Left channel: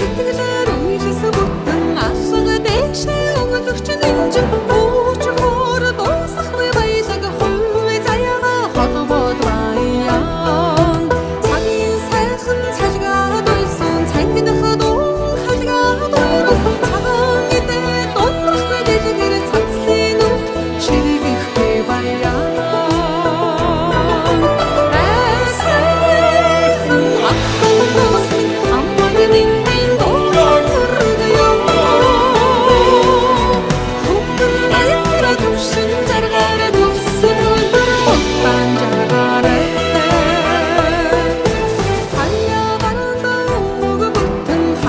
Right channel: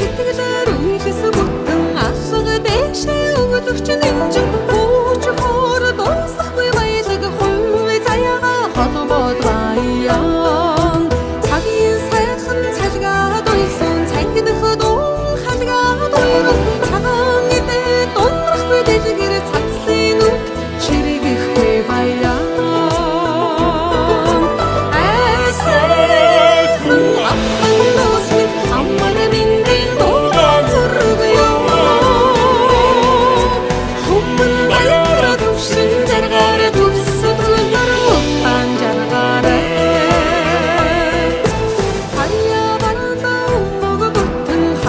Сэтгэлээр үйлсэн бүтэн алга дэшээ өгөлөгч нэмжин хууч хоор дуусахгүй баялаг хувь заяага холбоод баян цагийн сайхан цалгаад уйлсан цангинах дун халгаад уйруу цагаан идэ дунрахгүй дэлгэр цацлын нүд ширэгэхгүй баян сайхан ахын дусмин амар минь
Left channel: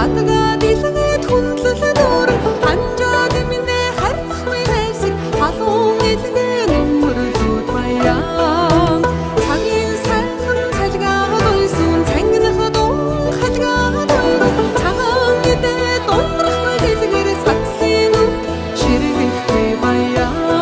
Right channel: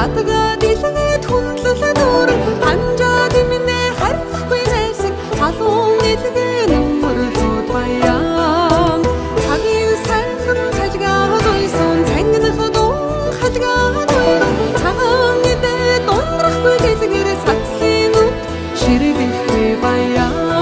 хатга дэлгээд хүндлэл дүүрэн ханжаад минь харахгүй найсаг халуун илгээ нүмерлүүд баян цагийн сайхан цалгаад уйсан цангинах дун халгаад уйруу цагаан идэ дунрахгүй дэлгэр цацлын нүд ширэгэхгүй баян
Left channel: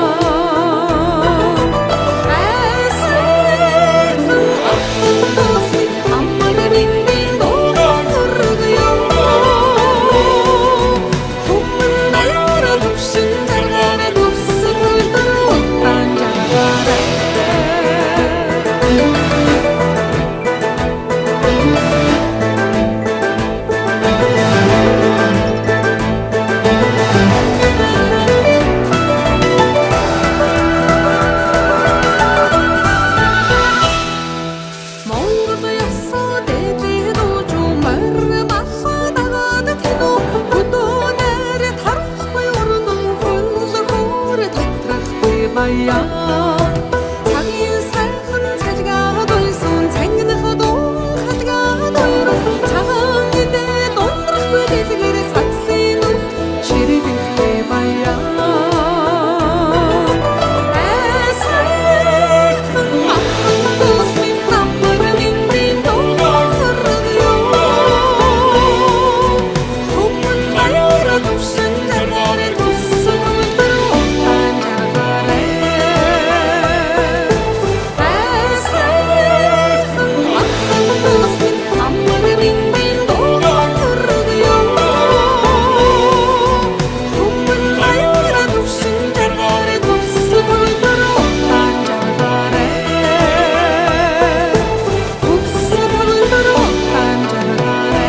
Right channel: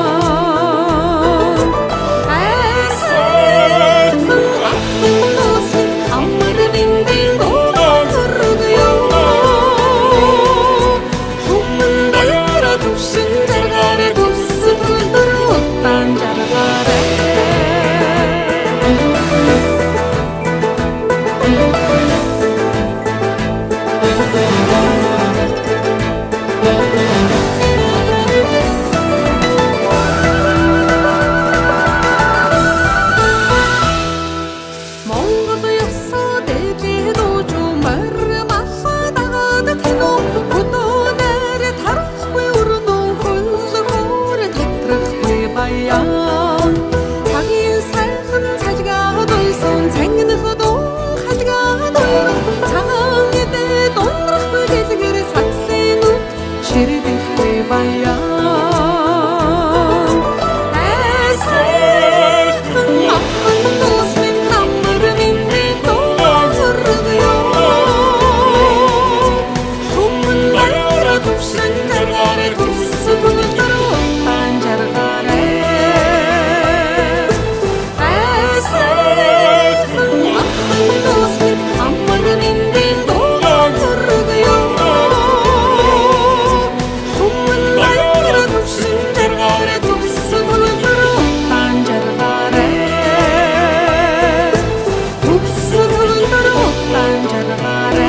Монгол ёсоо дээлээ дууж морь малла дагаад тэнүү хөдөөнөр тарахгүй өрнөө хөл хөөр татрахгүй баян цагийн сайхан цалгаад уйсан цангинах дун халгаад уйруу цагаан идэ дунрахгүй дэлгэр цацлын нүд ширэгэхгүй баян jargare